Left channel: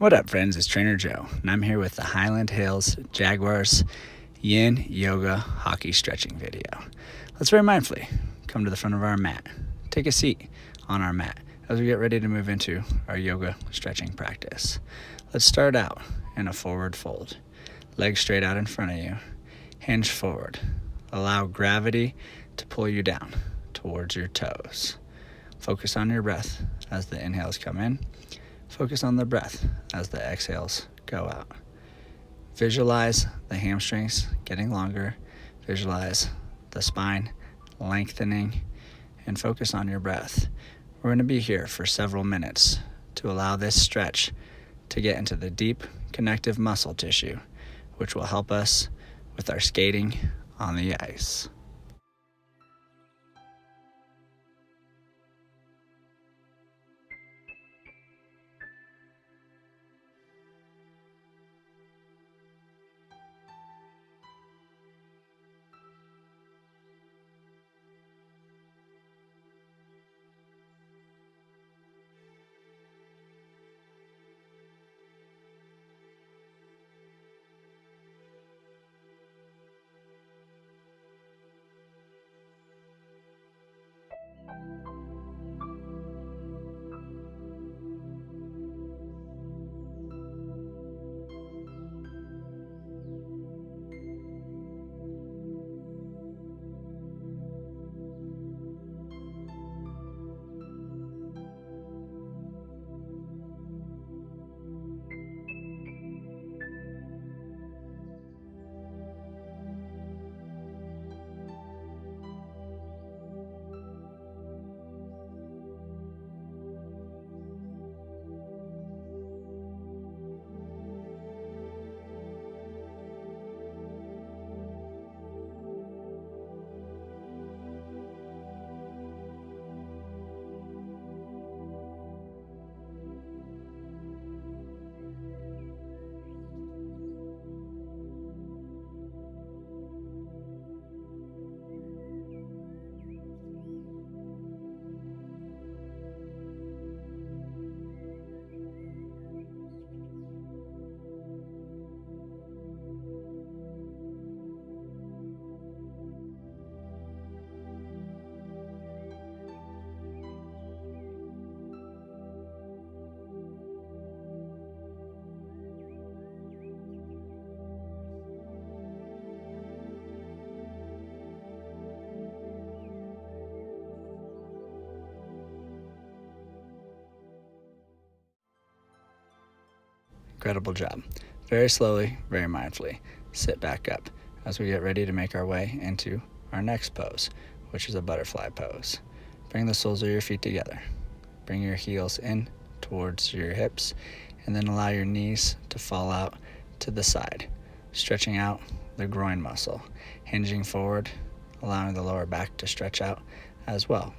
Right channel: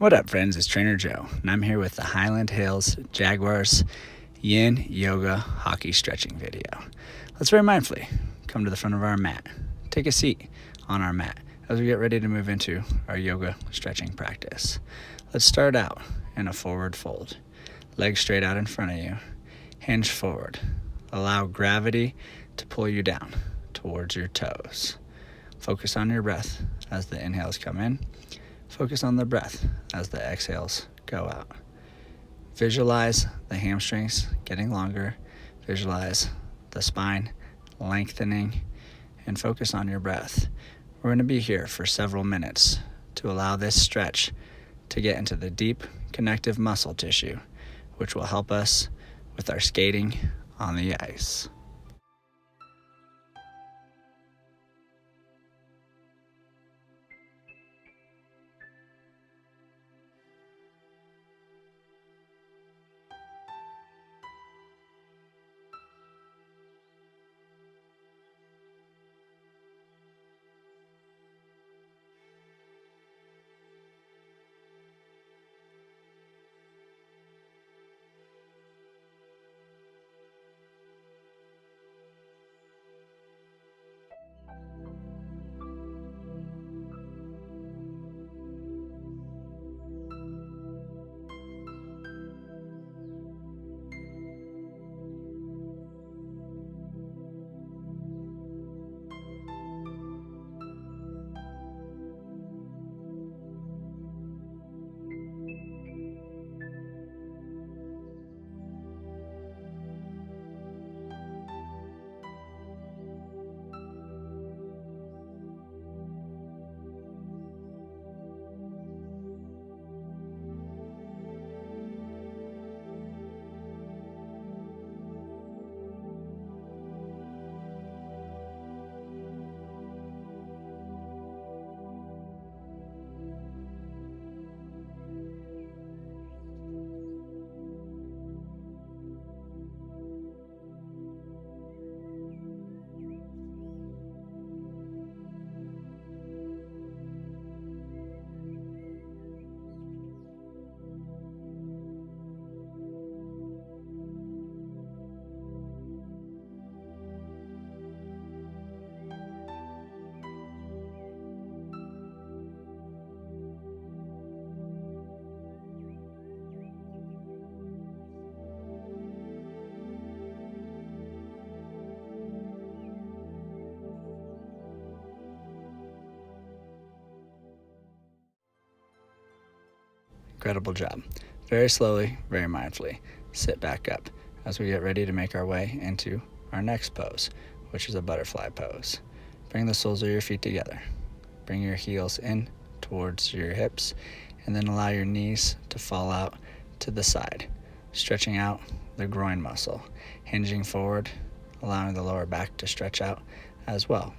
What up, friends? It's Trainer Joe, and I'm here with the Highland Hills Jaguars Yin Yoga Hockey Stretching video. Let's very mindfully come to the front of our mat. Take a seat on our mat as we get ready to move into our yoga stretching practice. Let's start out in a forward fold. Legs straight out in front of you. Hinge forward. Allow gravity to pull you down towards your toes. Focus on your breath as the inhales come in. Focus on the breath as the exhales go out. Visualize the hamstrings getting longer. Visualize the spine lengthening, and focus on your breath. We're going to be here for several minutes to allow this stretch to get into the deep connective muscle tissue, which will help us with our skating on the ice. Incredible job. Very slowly, very mindfully, sit back up as we get ready to make our way into our next pose, which is a butterfly pose. Bring the soles of your feet together. Bring your heels in towards your hips, and then allow your knees to fall out to the side, stretching out the groin muscle, hinging forward, allowing the lower back to stretch out as well.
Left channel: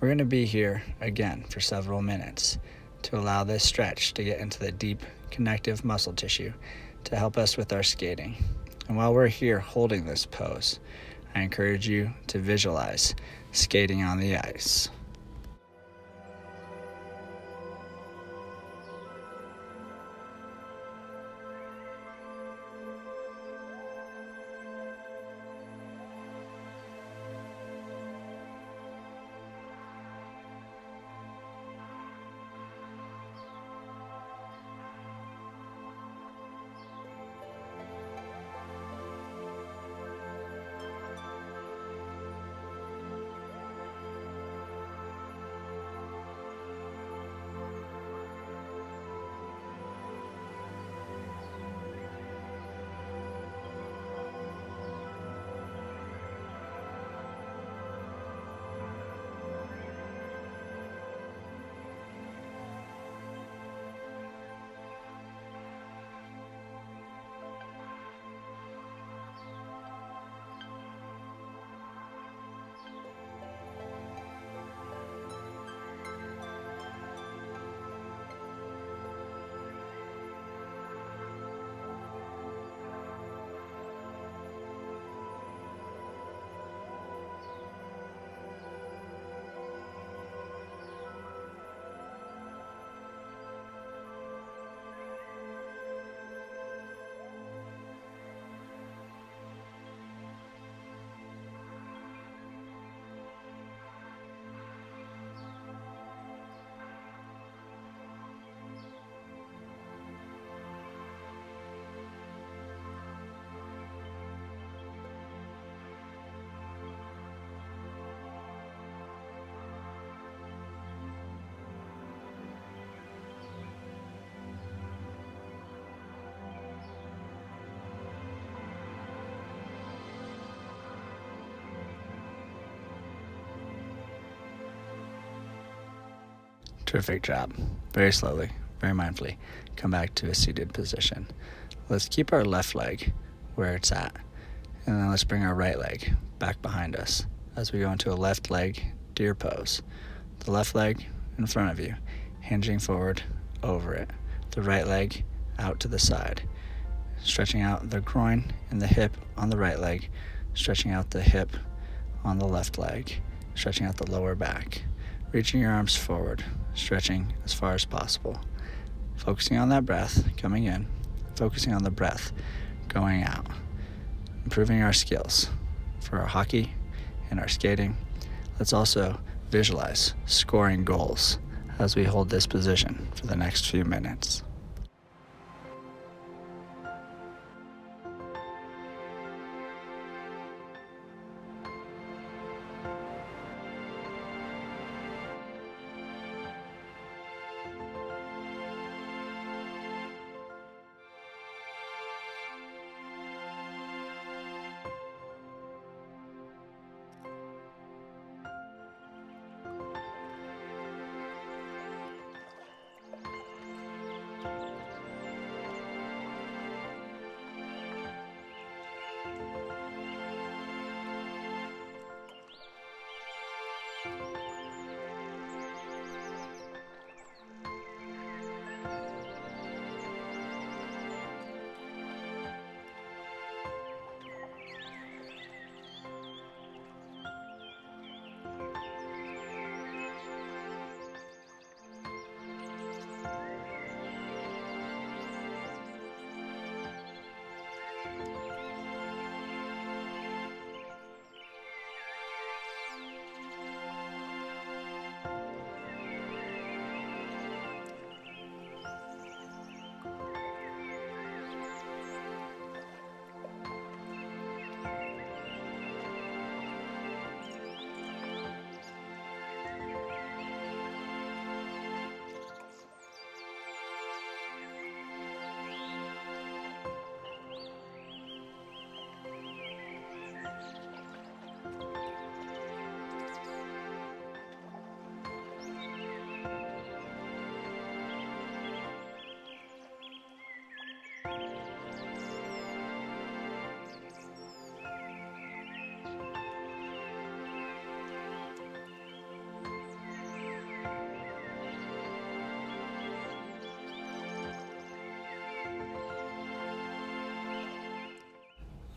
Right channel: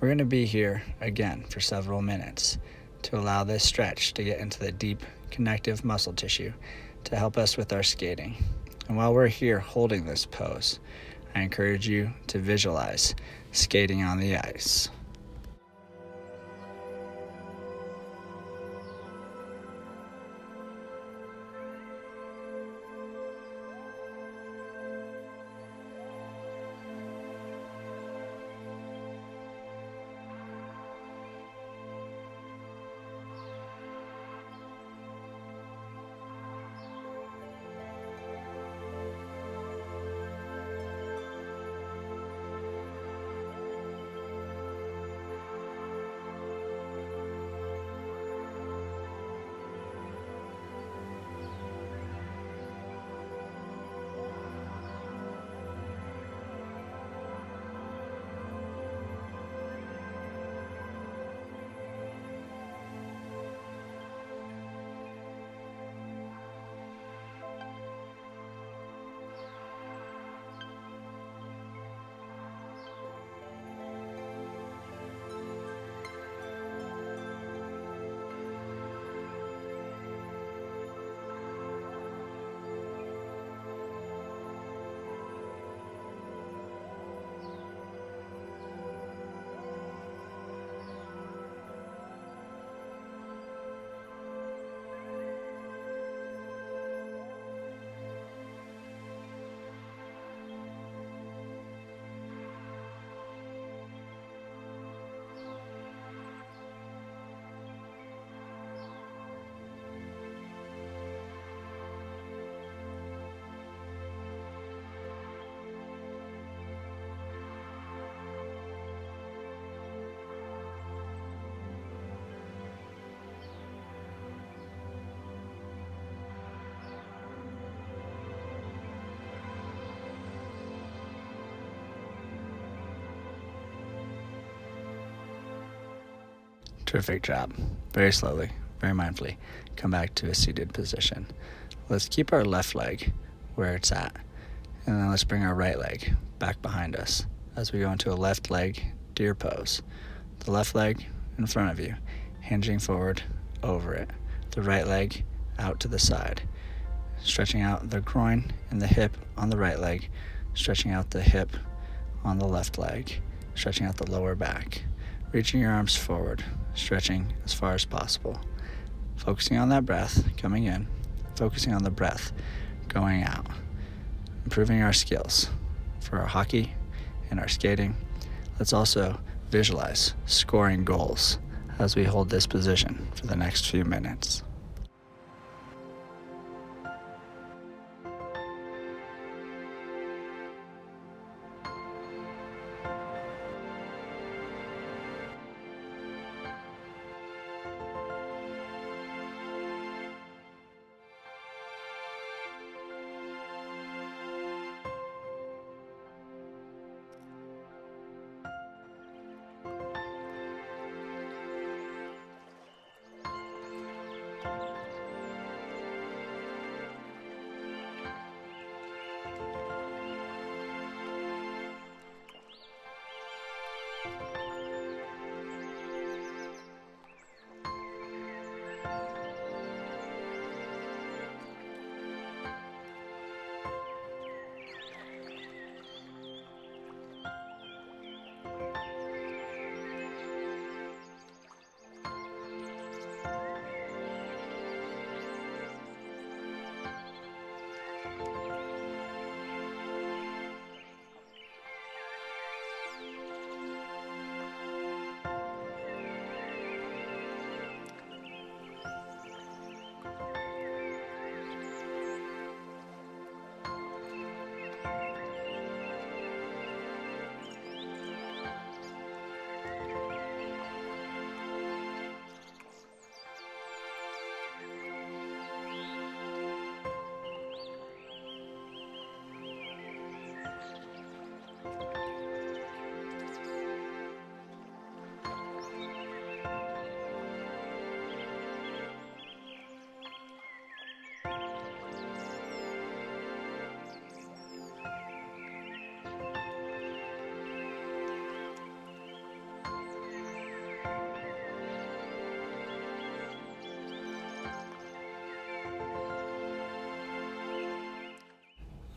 We're going to be here again for several minutes to allow this stretch to get into the deep connective muscle tissue to help us with our skating. And while we're here holding this pose, I encourage you to visualize skating on the ice. Terrific job. Very slowly, very mindfully, come back to a seated position. Let's keep our left leg where it's at, and then let's bring our right leg back behind us as we go into a left leg deer pose. The left leg in front of you, hinging forward over it. The right leg out to the side, stretching out the groin and the hip on the right leg, stretching out the hip on the left leg, stretching out the lower back, reaching your arms forward, stretching as far as possible, focusing on that breath coming in, focusing on the breath going out, improving our skills for our hockey and our skating. Let's also visualize scoring goals as we hold this position for the next few minutes.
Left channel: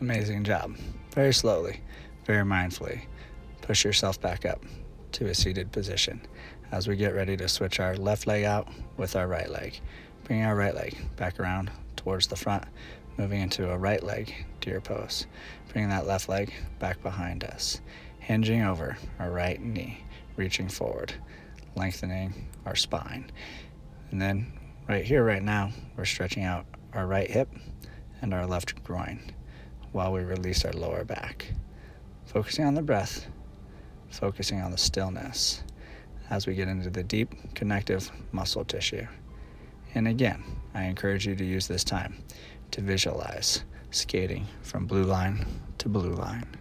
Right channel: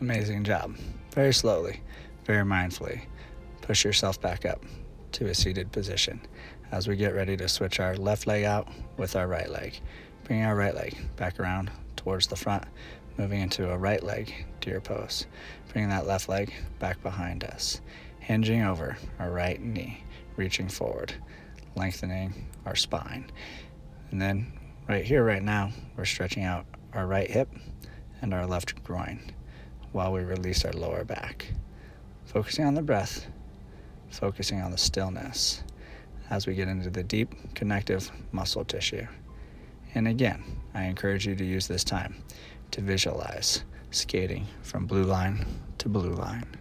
Amazing job. Very slowly, very mindfully, push yourself back up to a seated position as we get ready to switch our left leg out with our right leg. Bring our right leg back around towards the front, moving into a right leg deer pose. Bringing that left leg back behind us, hinging over our right knee, reaching forward, lengthening our spine. And then right here, right now, we're stretching out our right hip and our left groin while we release our lower back. Focusing on the breath, focusing on the stillness as we get into the deep connective muscle tissue. And again, I encourage you to use this time to visualize skating from blue line to blue line.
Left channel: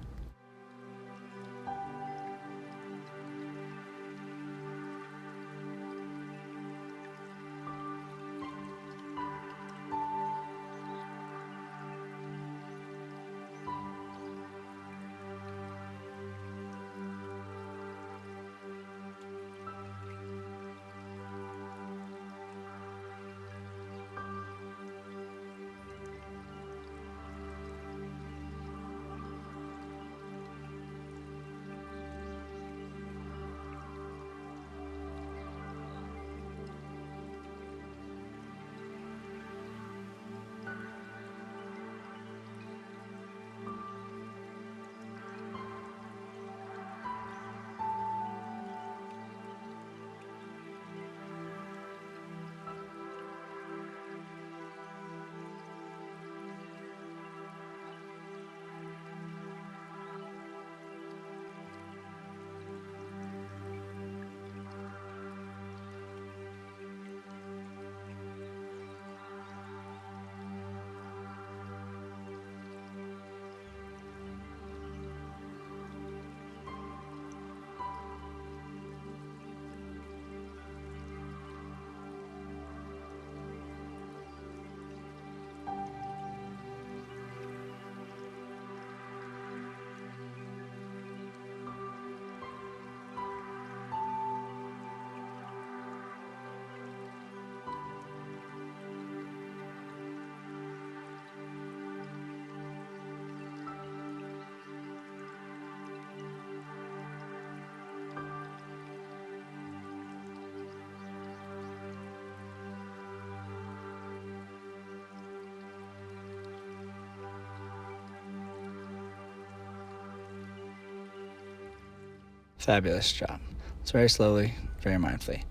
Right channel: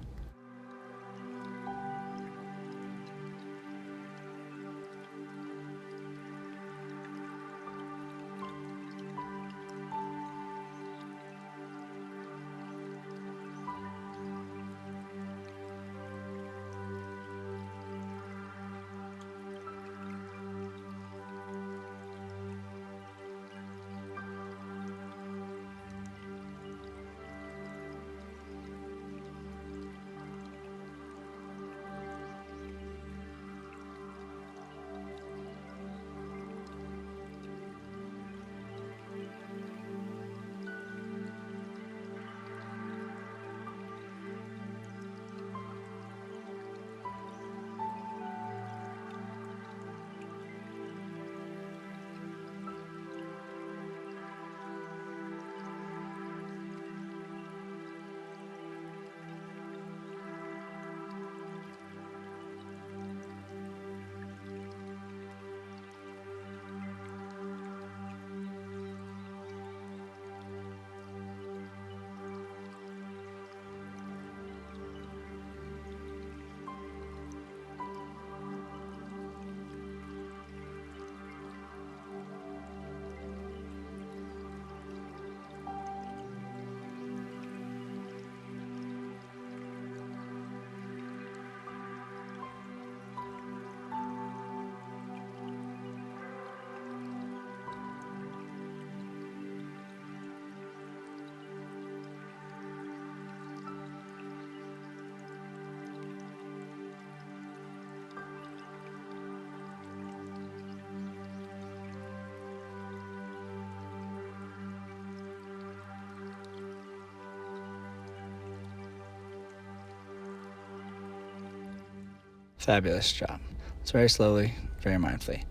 Fabulous job. Let's very slowly, very mindfully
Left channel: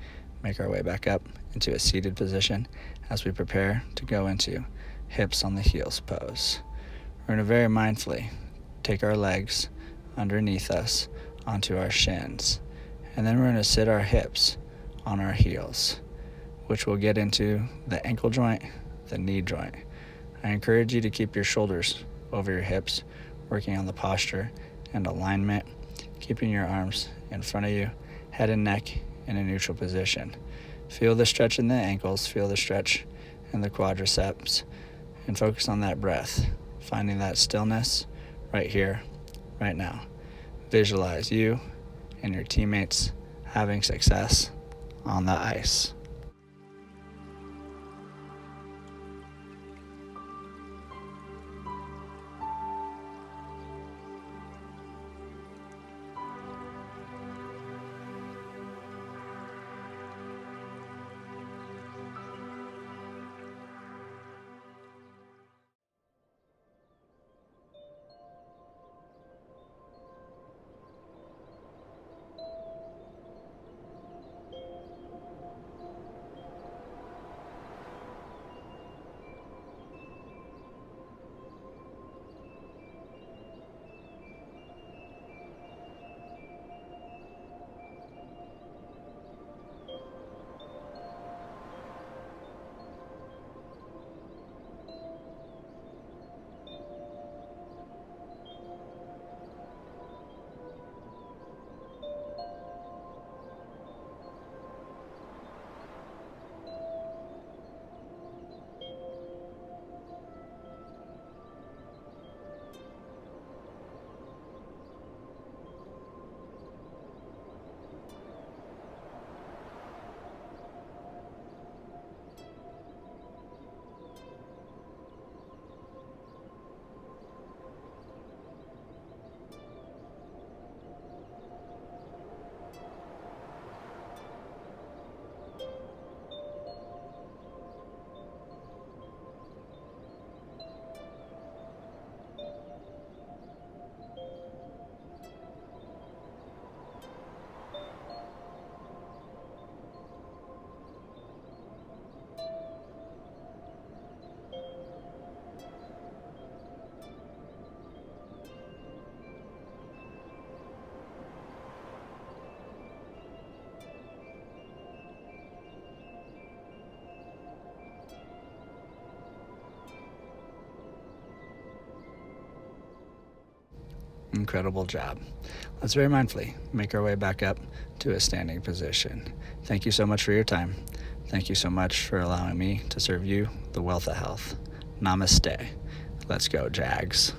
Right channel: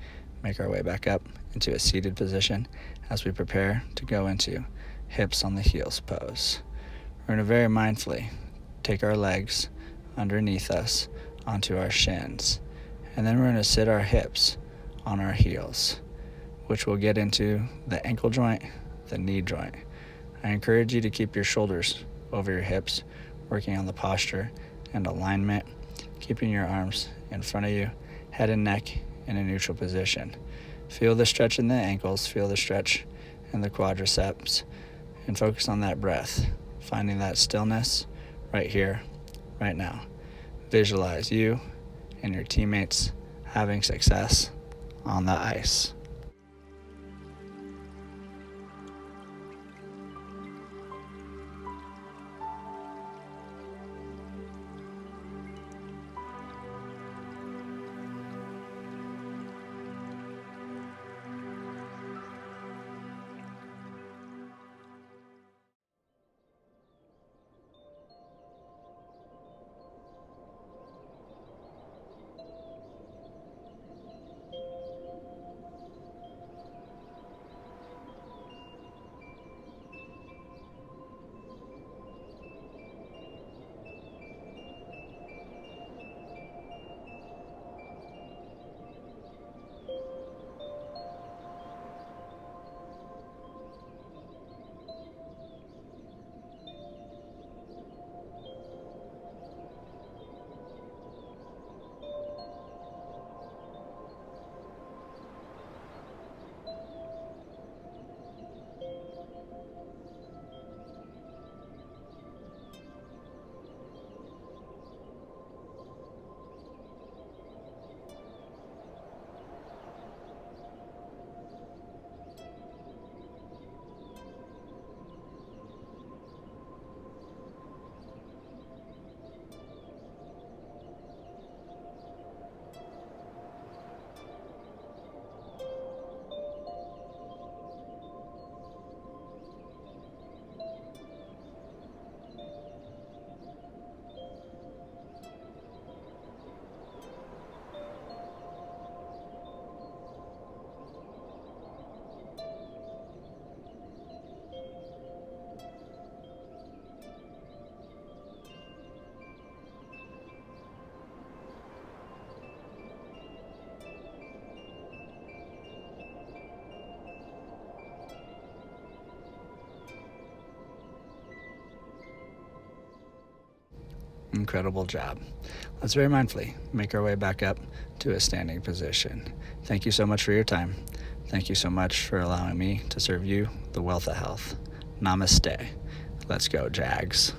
make our way back up into a seated position as we prepare to go into hips on the heels pose. We're going to very mindfully take our legs underneath us onto our shins, and then we're going to sit our hips on our heels, which will get into the ankle joint, the knee joint. I encourage you to keep your shoulders over your hips, working on the posture and alignment, keeping your arms in front of you, head and neck in a neutral position. Feel the stretch in the ankles, feel the stretch in the quadriceps, and focus on that breath, finding that stillness right here, right now. Visualize you and your teammates having success on the ice. Incredible job. Let's very mindfully make our way back up to a standing position. Thank you so much for your time. Thank you so much for allowing me to serve you the wealth of health. Namaste. Let's go, Jags.